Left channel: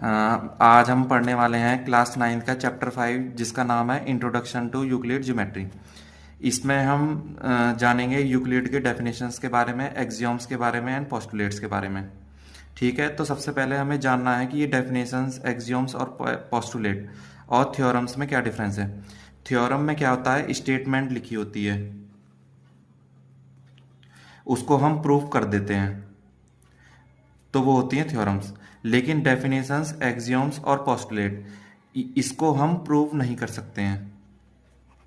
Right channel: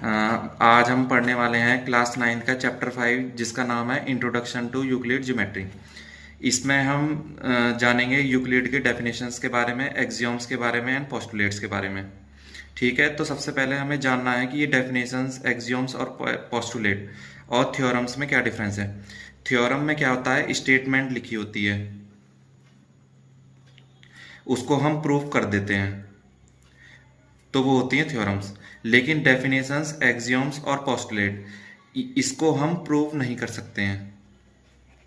अ, आज हम पढ़ने वाले हैं क्लास 9 का चैप्टर 5 जिसका नाम है इंट्रोडक्शन टू यूक्लिड ज्योमेट्री। इसमें हम जानेंगे यूक्लिड के डेफिनेशंस के बारे में, एक्सियोम्स के बारे में एंड पोस्टुलेट्स के बारे में। ठीक है, तो सबसे पहले हमें जानना है कि ये डेफिनेशंस, एक्सियोम्स और पोस्टुलेट और थ्योरम्स में क्या डिफरेंस है। थ्योरम में क्या होता है, स्टेटमेंट लिखी होती है, उसको हम प्रूव कर देते हैं, तो वो होती हैं थ्योरम्स। लेकिन डेफिनेशंस, एक्सियोम्स और पोस्टुलेट इसको हम प्रूव नहीं कर सकते हैं।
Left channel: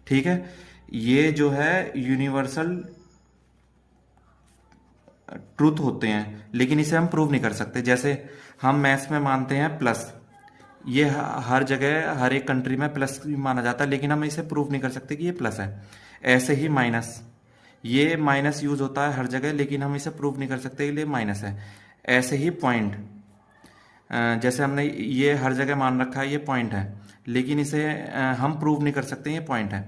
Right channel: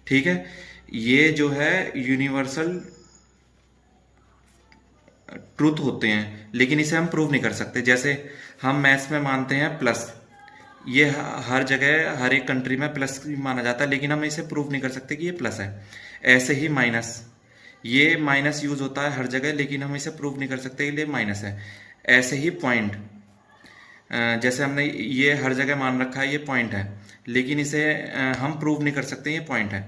ठीक है, ये जो है यूनिवर्सल ट्रूथ होते हैं, लेकिन इसे हम प्रूव नहीं कर सकते। जैसे हम मैथ्स में मानते हैं प्लस, ये हर जगह हर एक कंट्री में प्लस भी माना जाता है, लेकिन हम इसे प्रूव नहीं कर सकते कि ये प्लस है। ऐसे ही माइनस, ये माइनस यूज होता है हर जगह, लेकिन हम इसे प्रूव नहीं कर सकते कि ये माइनस है। ऐसे ही पॉइंट, जैसे हमने ये हर जगह मान रखा है ये पॉइंट है, लेकिन इसे हम प्रूव नहीं कर सकते ये पॉइंट है।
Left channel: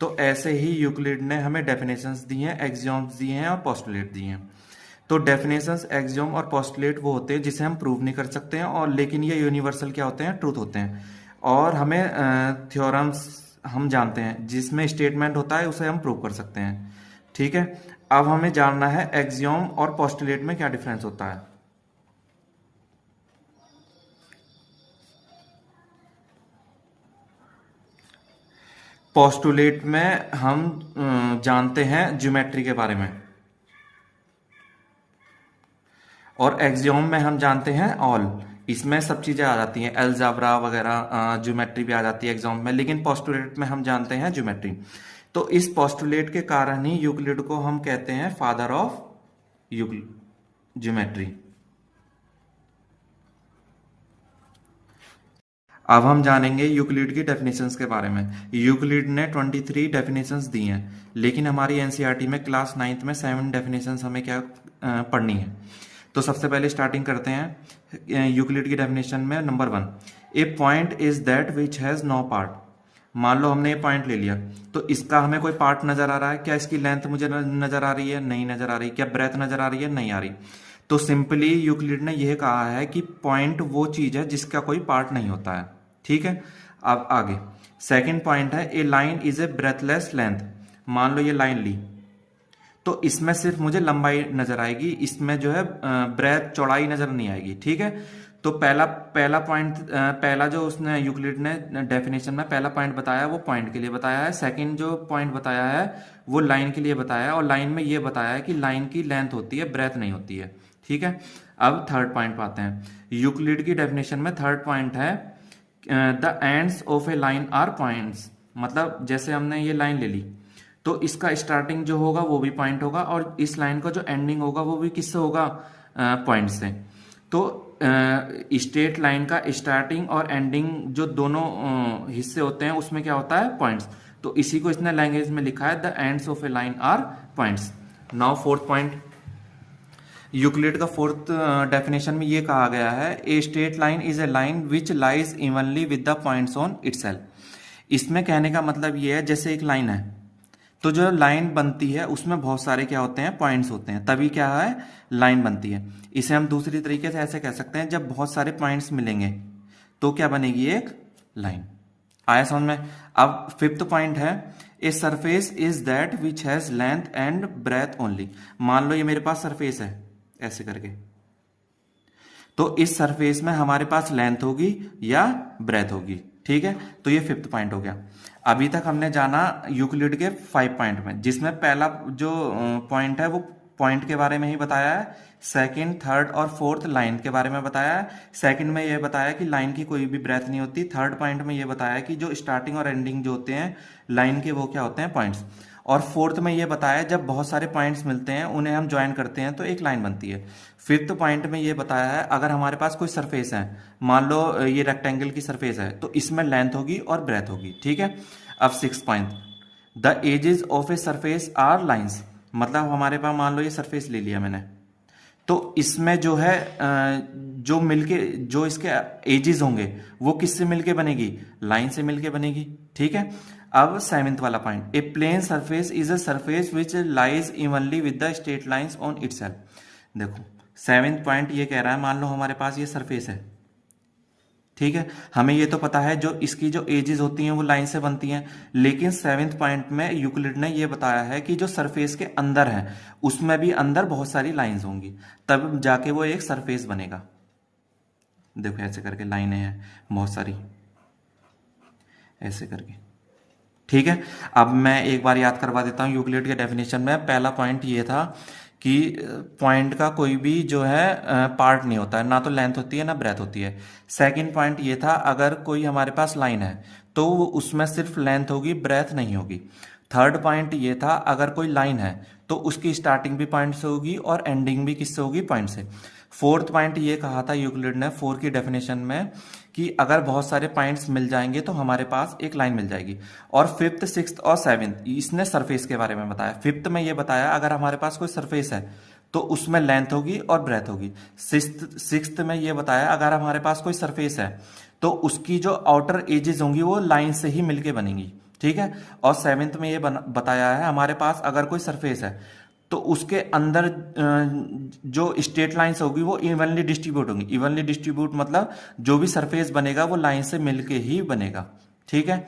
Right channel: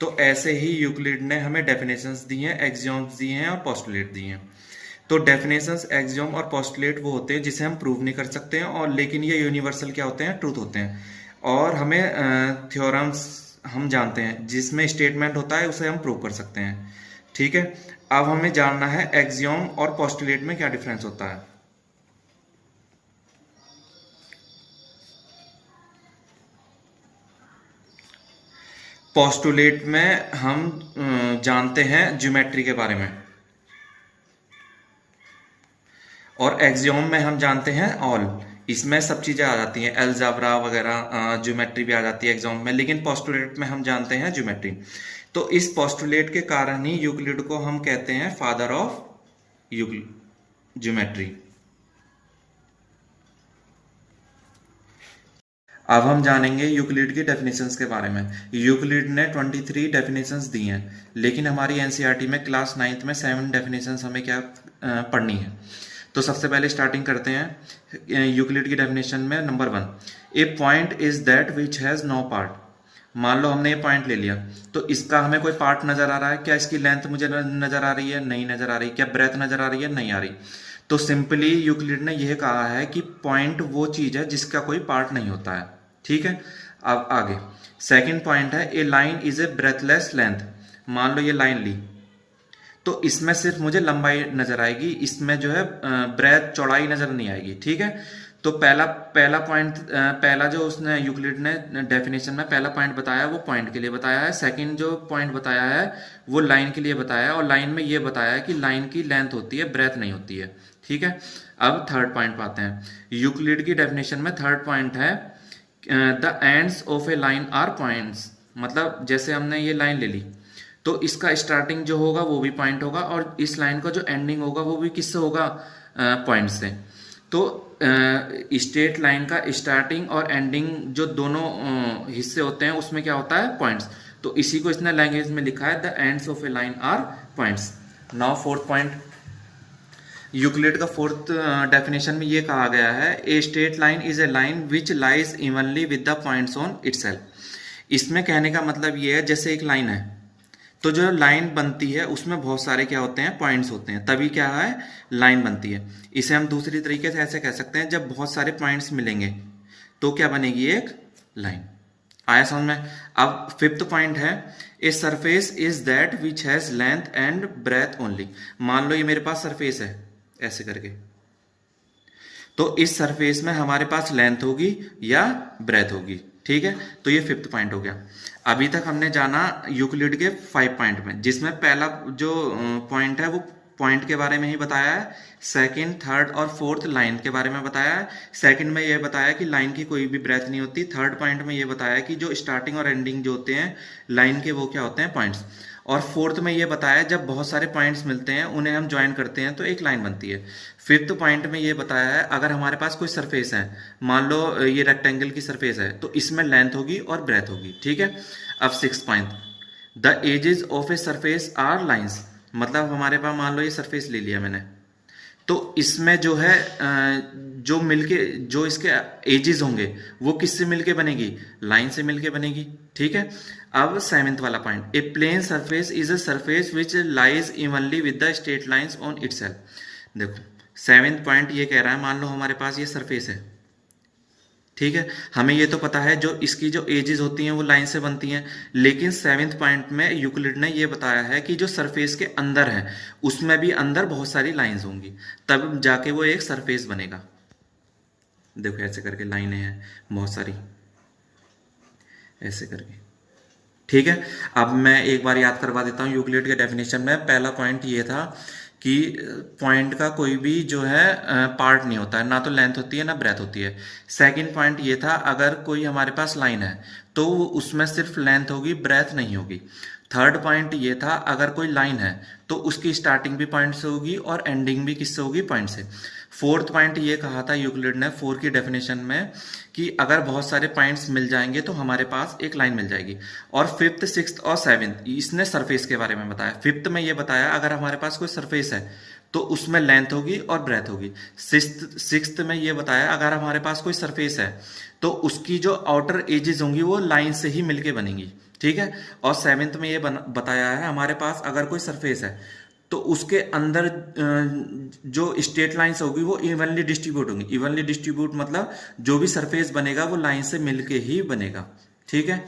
तो ऐसे ही यूक्लिड ने हमें डेफिनेशंस दी हैं, एक्सियोम्स दिए हैं और पोस्टुलेट दिए हैं। तो डेफिनेशंस, एक्सियोम और पोस्टुलेट वो होते हैं जिसे हम प्रूव नहीं कर सकते हैं, और लेकिन ये यूनिवर्सल क्या होते हैं, ट्रूथ होते हैं। और हमें थ्योरम्स हम जानते हैं जिसमें स्टेटमेंट होता है, उसे हम प्रूव कर सकते हैं। ठीक है, अब हमें जानना है एक्सियोम और पोस्टुलेट में क्या डिफरेंस होता है। पोस्टुलेट में हम जानते हैं ज्योमेट्री के बारे में, और एक्सियोम में हम जानते हैं ऑल। इसमें सब चीजें आ जाती हैं, अलजेब्रा वगैरह, ज्योमेट्री भी आ जाती है एक्सियोम में, लेकिन पोस्टुलेट में हम जानते हैं ज्योमेट्री। तो इस पोस्टुलेट के कारण ही यूक्लिड को हम कहते हैं फादर ऑफ ज्योमेट्री। अब हम जानेंगे यूक्लिड की डेफिनेशंस के बारे में। यूक्लिड ने 23 डेफिनेशंस दी हैं, लेकिन हमारी एनसीईआरटी में क्लास 9th में 7 डेफिनेशंस हमें क्या पढ़नी है। तो सबसे पहले स्टार्टिंग करते हैं यूक्लिड की डेफिनेशन में। Number 1, a point is that which has no part. मान लो हमने ये पॉइंट ले लिया, तो इसका हमें कोई पार्ट नजर आ रहा है क्या? इसकी लेंथ मुझे नजर आ रही है? नहीं नजर आ रही। क्या ब्रेथ नजर आ रही है? नहीं आ रही। तो सिंपली यूक्लिड ने यह कहा है कि पॉइंट वो चीज है जिसका कोई पार्ट नहीं होता है। ठीक है, अब आगे सेकंड पॉइंट है, a line is a breadthless length. मान लो ये लाइन ली, तो इसमें सिर्फ मुझे लंबाई नजर आएगी, इसमें जो है ब्रेथ, चौड़ाई नजर नहीं आएगी। ठीक है, तो पहला पहला पॉइंट, पहला जो उसने यूक्लिड ने डेफिनेशन में पहला पॉइंट बताया वो पॉइंट के लिए बताया है। सेकंड जो पॉइंट बताया है वो लाइन के लिए बताया है, और लाइन में ये बताया है कि लाइन की लेंथ होती है, ब्रेथ नहीं होती है। ठीक है, अब थर्ड पॉइंट पाते हैं। यूक्लिड की डेफिनेशन में थर्ड पॉइंट है, the ends of a line are points. मतलब जैसे हमने ये लाइन ले ली, तो इसका स्टार्टिंग जो होगा वो भी पॉइंट होगा, और इस लाइन का जो एंडिंग होगा वो भी किससे होगा? पॉइंट से। तो स्ट्रेट लाइन का स्टार्टिंग और एंडिंग जो दोनों हिस्से होते हैं उसमें क्या होता है? पॉइंट्स। तो इसी को इसने लैंग्वेज में लिखा है, the ends of a line are points. Now fourth point, Euclid का फोर्थ डेफिनेशन में ये कहा गया है, a straight line is a line which lies evenly with the points on itself. इसमें कहने का मतलब ये है, जैसे एक लाइन है, तो जो लाइन बनती है उसमें बहुत सारे क्या होते हैं? पॉइंट्स होते हैं, तभी क्या है? लाइन बनती है। इसे हम दूसरी तरीके से ऐसे कह सकते हैं, जब बहुत सारे पॉइंट्स मिलेंगे तो क्या बनेगी? एक लाइन। आया समझ में? अब फिफ्थ पॉइंट है, a surface is that which has length and breadth only. मान लो ये मेरे पास सरफेस है ऐसे करके, तो इस सरफेस में हमारे पास लेंथ होगी या ब्रेथ होगी। ठीक है, तो ये फिफ्थ पॉइंट हो गया। अभी तक हमने जाना यूक्लिड के 5 पॉइंट में, जिसमें पहला जो पॉइंट है वो पॉइंट के बारे में ही बताया है। सेकंड, थर्ड और फोर्थ लाइन के बारे में बताया है। सेकंड में ये बताया कि लाइन की कोई भी ब्रेथ नहीं होती। थर्ड पॉइंट में ये बताया कि जो स्टार्टिंग और एंडिंग जो होते हैं लाइन के वो क्या होते हैं? पॉइंट्स। और फोर्थ में ये बताया जब बहुत सारे पॉइंट्स मिलते हैं उन्हें हम ज्वाइन करते हैं तो एक लाइन बनती है। फिफ्थ पॉइंट में ये बताया है, अगर हमारे पास कोई सरफेस है, मान लो ये रेक्टेंगल की सरफेस है, तो इसमें लेंथ होगी और ब्रेथ होगी। ठीक है, अब six point, the edges of a surface are lines. मतलब हमारे पास मान लो ये सरफेस ले लिया मैंने, तो इसमें जो है जो मिलके जो इसके एजेस होंगे वो किससे मिलके बनेगी? लाइन से मिलके बनेगी। ठीक है, अब सेवेंथ वाला point, a plane surface is a surface which lies evenly with the straight lines on itself. देखो सेवेंथ पॉइंट ये कह रहा है, मान लो हमारे पास ये सरफेस है, ठीक है, हमें ये तो पता है जो इसकी जो एजेस होती हैं वो लाइन से बनती हैं, लेकिन सेवेंथ पॉइंट में यूक्लिड ने ये बताया है कि जो सरफेस के अंदर है उसमें भी अंदर बहुत सारी लाइंस होंगी, तब जाके वो एक सरफेस बनेगा। देखो ऐसे करके लाइनें हैं बहुत सारी, ऐसे करके। ठीक है, अब मैं एक बार याद करवा देता हूँ यूक्लिड के डेफिनेशन में। पहला पॉइंट ये था कि पॉइंट का कोई भी जो है पार्ट नहीं होता है, ना तो लेंथ होती है ना ब्रेथ होती है। सेकंड पॉइंट ये था अगर कोई हमारे पास लाइन है तो उसमें सिर्फ लेंथ होगी, ब्रेथ नहीं होगी। थर्ड पॉइंट ये था अगर कोई लाइन है तो उसकी स्टार्टिंग भी पॉइंट से होगी और एंडिंग भी किससे होगी, पॉइंट से। फोर्थ पॉइंट ये कहा था यूक्लिड ने फोर की डेफिनेशन में कि अगर बहुत सारे पॉइंट्स मिल जाएंगे तो हमारे पास एक लाइन मिल जाएगी। और फिफ्थ, सिक्स्थ और सेवेंथ इसने सरफेस के बारे में बताया। फिफ्थ में ये बताया अगर हमारे पास कोई सरफेस है तो उसमें लेंथ होगी और ब्रेथ होगी। सिक्स्थ में ये बताया अगर हमारे पास कोई सरफेस है तो उसकी जो आउटर एजेस होंगी वो लाइन से ही मिलके बनेंगी। ठीक है, और सेवेंथ में ये बताया है हमारे पास अगर कोई सरफेस है तो उसके अंदर जो स्ट्रेट लाइंस होगी वो इवनली डिस्ट्रीब्यूट होंगी। इवनली डिस्ट्रीब्यूट मतलब जो भी सरफेस बनेगा वो लाइन से मिलके ही बनेगा। ठीक है,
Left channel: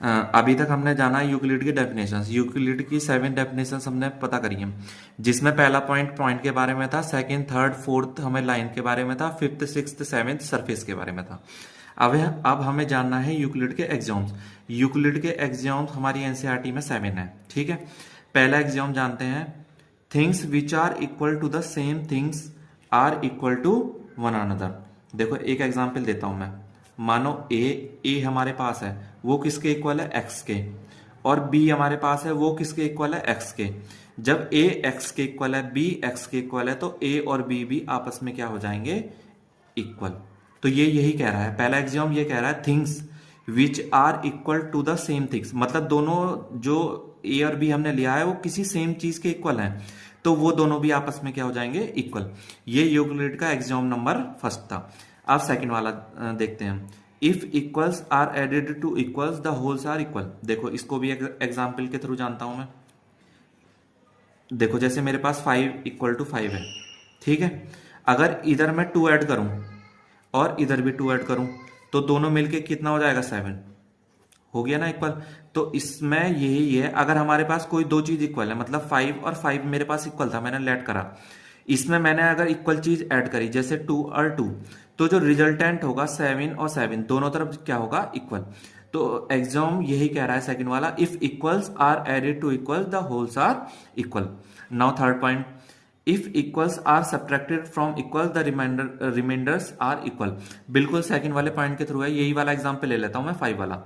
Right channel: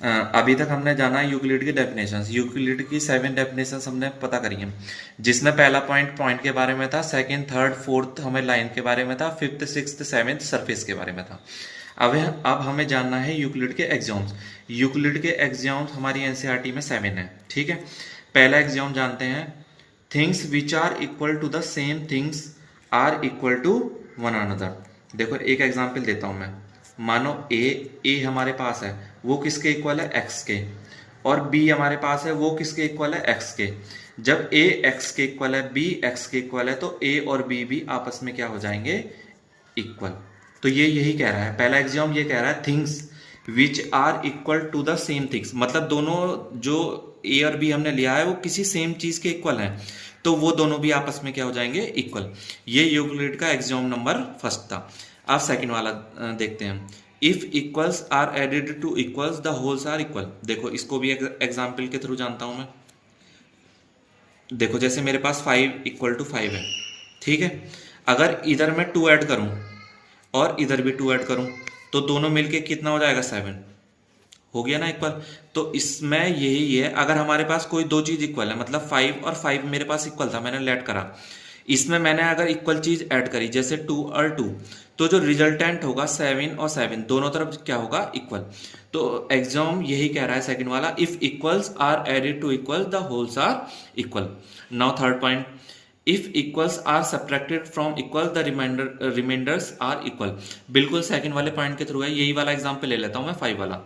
अभी तक हमने जाना है यूक्लिड की डेफिनेशंस। यूक्लिड की 7 डेफिनेशंस हमने पता करी हैं, जिसमें पहला पॉइंट पॉइंट के बारे में था, सेकंड, थर्ड, फोर्थ हमें लाइन के बारे में था, फिफ्थ, सिक्स्थ, सेवेंथ सरफेस के बारे में था। अब हमें जानना है यूक्लिड के एग्जाम्स। यूक्लिड के एग्जाम्स हमारी एनसीईआरटी में 7 है। ठीक है, पहला एग्जाम जानते हैं, things which are equal to the same things are equal to one another. देखो एक एग्जाम्पल देता हूं मैं। मानो ए हमारे पास है, वो किसके इक्वल है, एक्स के। और बी हमारे पास है, वो किसके इक्वल है, एक्स के। जब ए एक्स के इक्वल है, बी एक्स के इक्वल है, तो ए और बी भी आपस में क्या हो जाएंगे, इक्वल। तो ये यही कह रहा है, पहला एग्जाम ये कह रहा है things which are equal to the same things, मतलब दोनों जो ए और बी हमने लिया है वो किसी सेम चीज के इक्वल है, तो वो दोनों भी आपस में क्या हो जाएंगे, इक्वल। ये यूक्लिड का एग्जाम नंबर फर्स्ट था। अब सेकंड वाला देखते हैं। If equals are added to equals the wholes are equal. देखो इसको भी एग्जाम्पल के थ्रू जानता हूं मैं। देखो जैसे मेरे पास 5 इक्वल टू 5 है। ठीक है, अगर इधर मैं 2 ऐड करूं और इधर भी 2 ऐड करूं तो दोनों मिलके कितना हो जाएगा, 7 हो गया ना इक्वल। तो इसमें यही है, अगर हमारे पास कोई दो चीज इक्वल है, मतलब 5 और 5 मेरे पास इक्वल था, मैंने लेट करा, इसमें मैंने अगर इक्वल चीज ऐड करी जैसे 2 और 2, तो जो रिजल्टेंट होगा 7 और 7 दोनों तरफ क्या होगा, इक्वल। तो एग्जाम यही कह रहा है सेकंड वाला, if equals are added to equal the wholes are equal. Now third point, if equals are subtracted from equal the remainders are equal. बिल्कुल सेकंड वाले पॉइंट के थ्रू है, यही वाला एग्जांपल ले लेता हूं मैं 5 वाला।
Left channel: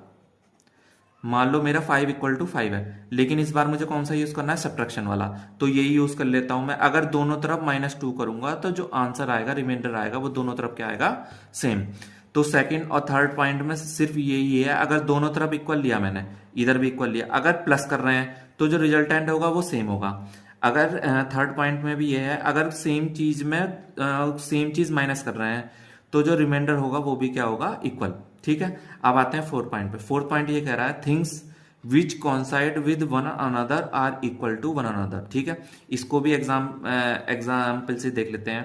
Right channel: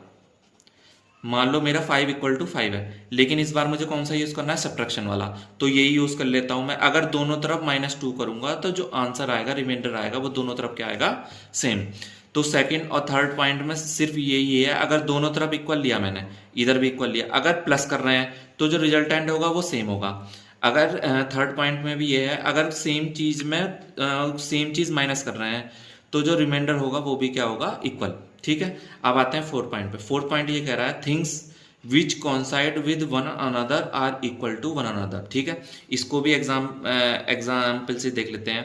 मान लो मेरा 5 इक्वल टू 5 है, लेकिन इस बार मुझे कौन सा यूज करना है, सब्ट्रैक्शन वाला, तो यही यूज कर लेता हूं मैं। अगर दोनों तरफ -2 करूंगा तो जो आंसर आएगा, रिमाइंडर आएगा, वो दोनों तरफ क्या आएगा, सेम। तो सेकंड और थर्ड पॉइंट में सिर्फ यही है, अगर दोनों तरफ इक्वल लिया मैंने, इधर भी इक्वल लिया, अगर प्लस कर रहे हैं तो जो रिजल्टेंट होगा वो सेम होगा। अगर थर्ड पॉइंट में भी ये है, अगर सेम चीज में सेम चीज माइनस कर रहे हैं तो जो रिमाइंडर होगा वो भी क्या होगा, इक्वल। ठीक है, अब आते हैं फोर्थ पॉइंट पे। फोर्थ पॉइंट ये कह रहा है, things which coincide with one another are equal to one another. ठीक है, इसको भी एग्जाम्पल से देख लेते हैं।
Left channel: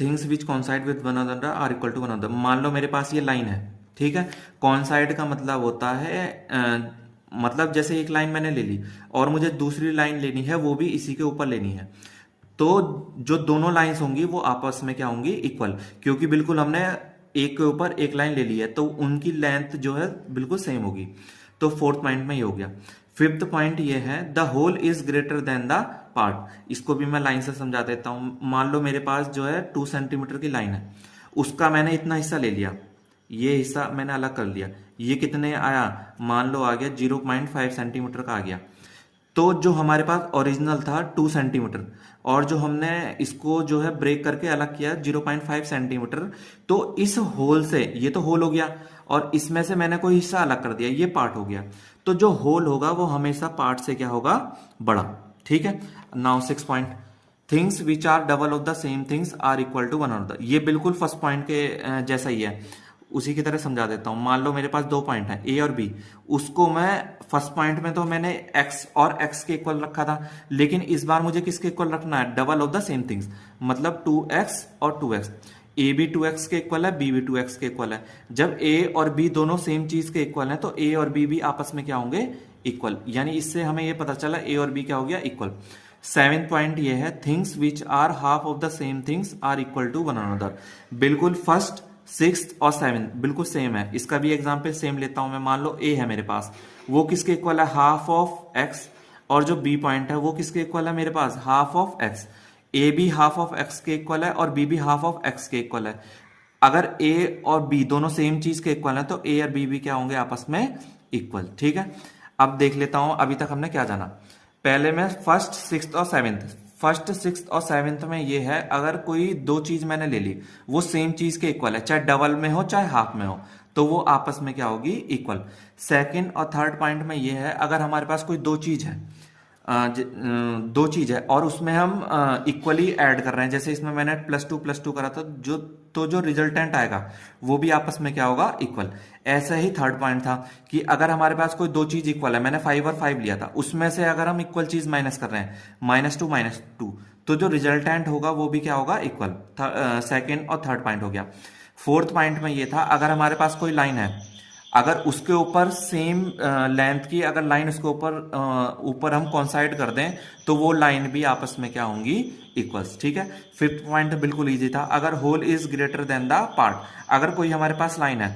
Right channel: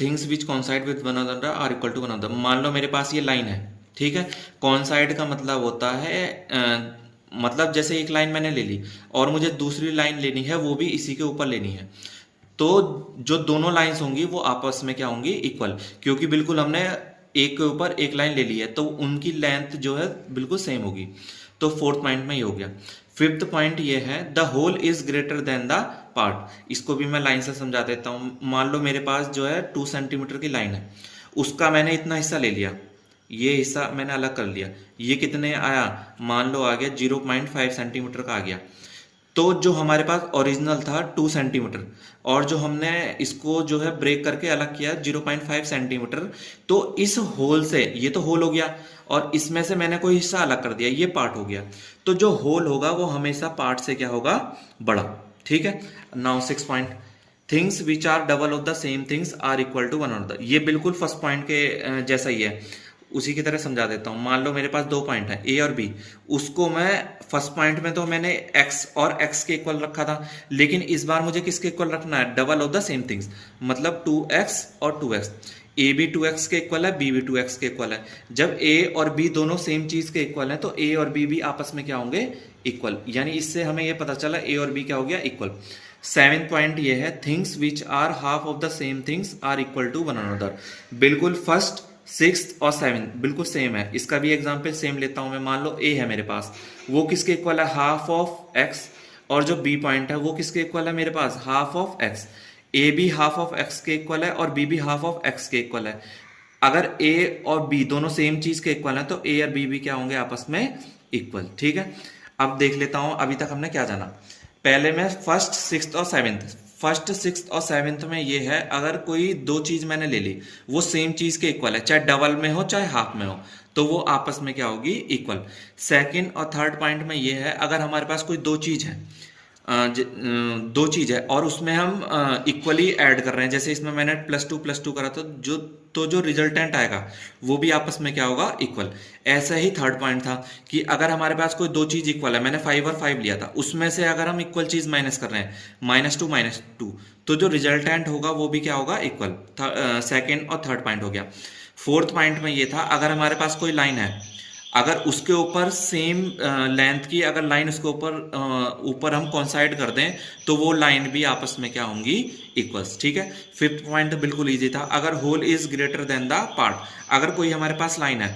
Things which coincide with one another are equal to one another. मान लो मेरे पास ये लाइन है, ठीक है। कॉन्साइड का मतलब होता है मतलब जैसे एक लाइन मैंने ले ली और मुझे दूसरी लाइन लेनी है, वो भी इसी के ऊपर लेनी है, तो जो दोनों लाइंस होंगी वो आपस में क्या होंगी, इक्वल, क्योंकि बिल्कुल हमने एक के ऊपर एक लाइन ले ली है तो उनकी लेंथ जो है बिल्कुल सेम होगी। तो फोर्थ पॉइंट में ये हो गया। फिफ्थ पॉइंट ये है, the whole is greater than the part. इसको भी मैं लाइन से समझा देता हूँ। मान लो मेरे पास जो है 2 सेंटीमीटर की लाइन है, उसका मैंने इतना हिस्सा ले लिया, ये हिस्सा मैंने अलग कर लिया, ये कितने आया, मान लो आ गया 0.5 सेंटीमीटर का आ गया। तो जो हमारे पास ओरिजिनल था 2 सेंटीमीटर और जो हमने इसको जो है ब्रेक करके अलग किया 0.5 सेंटीमीटर, तो इस होल से, ये तो होल हो गया और इसमें से मैंने कोई हिस्सा अलग कर दिया, ये पार्ट हो गया। तो जो होल होगा वो हमेशा पार्ट से क्या होगा, बड़ा। ठीक है, now 6 point, things which are double of the same things are equal to one another. ये बिल्कुल फर्स्ट पॉइंट के जैसा ही है, उसी की तरह समझा देता हूं। मान लो मेरे पास 2 पॉइंट है, ए और बी, उसको मैं फर्स्ट पॉइंट में तो मैंने एक्स और एक्स के इक्वल रखा था, लेकिन इस बार मुझे किसके इक्वल रखना है, double of the same things, मतलब 2x और 2x। ए भी 2x के इक्वल है, बी भी 2x के इक्वल है। जब ए और बी दोनों सेम चीज के इक्वल है तो ए और बी भी आपस में क्या होंगे, इक्वल। यानी इससे हमें ये पता चला ए और बी क्या हो गया, इक्वल। 7th पॉइंट ये है, things which are half of the same things are equal to one another. बिल्कुल फर्स्ट, सिक्स्थ और सेवन्थ बिल्कुल सेम है। इसका भी एग्जाम्पल सेम लेता हूं मैं। मान लो ए है मेरे पास, वो किसके इक्वल है, हाफ ऑफ एक्स। और जो बी पॉइंट है वो किसके इक्वल है मेरे पास, हाफ ऑफ एक्स। ए भी हाफ ऑफ एक्स के इक्वल है और बी भी हाफ ऑफ एक्स के इक्वल है। अगर ए और बी दोनों सेम चीज के इक्वल है तो ए और बी भी क्या होंगे, आपस में इक्वल। ठीक है, अब देख लेता हूं अभी तक हमने क्या जाना। पहले में फर्स्ट, सिक्स्थ और सेवेंथ। फर्स्ट, सिक्स्थ और सेवेंथ में ये है, अगर कोई दो चीज मैंने ले ली, वो सेम चीज के इक्वल है, चाहे डबल में हो चाहे हाफ में हो, तो वो आपस में क्या होगी, इक्वल। सेकंड और थर्ड पॉइंट में ये है, अगर हमारे पास कोई दो चीज है, दो चीज है और उसमें हम इक्वली ऐड कर रहे हैं, जैसे इसमें मैंने +2 + 2 करा था, जो रिजल्टेंट आएगा वो भी आपस में क्या होगा, इक्वल। ऐसे ही थर्ड पॉइंट था कि अगर हमारे पास कोई दो चीज इक्वल है, मैंने 5 और 5 लिया था, उसमें से अगर हम इक्वल चीज माइनस कर रहे हैं, -2 तो जो रिजल्टेंट होगा वो भी क्या होगा, इक्वल। सेकेंड और थर्ड पॉइंट हो गया। फोर्थ पॉइंट में ये था, अगर हमारे पास कोई लाइन है, अगर उसके ऊपर सेम लेंथ की अगर लाइन उसके ऊपर हम कॉन्साइड कर दें तो वो लाइन भी आपस में क्या होंगी, इक्वल्स। ठीक है। फिफ्थ पॉइंट बिल्कुल इजी था, अगर whole is greater than the part. अगर कोई हमारे पास लाइन है,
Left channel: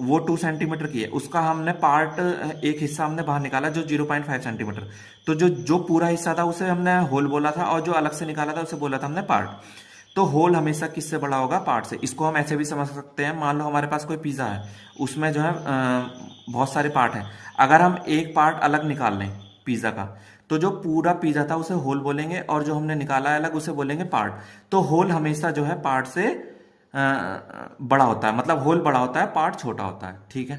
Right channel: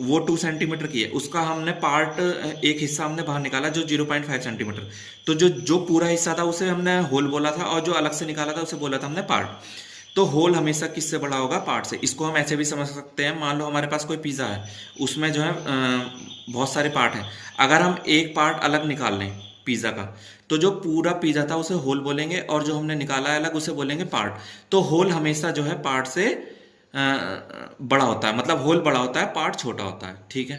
वो 2 सेंटीमीटर की है, उसका हमने पार्ट, एक हिस्सा हमने बाहर निकाला जो 0.5 सेंटीमीटर, तो जो जो पूरा हिस्सा था उसे हमने होल बोला था, और जो अलग से निकाला था उसे बोला था हमने पार्ट। तो होल हमेशा किससे बड़ा होगा, पार्ट से। इसको हम ऐसे भी समझ सकते हैं, मान लो हमारे पास कोई पिज्ज़ा है, उसमें जो है बहुत सारे पार्ट हैं, अगर हम एक पार्ट अलग निकाल लें पिज्ज़ा का, तो जो पूरा पिज्ज़ा था उसे होल बोलेंगे, और जो हमने निकाला है अलग उसे बोलेंगे पार्ट। तो होल हमेशा जो है पार्ट से बड़ा होता है, मतलब होल बड़ा होता है, पार्ट छोटा होता है। ठीक है।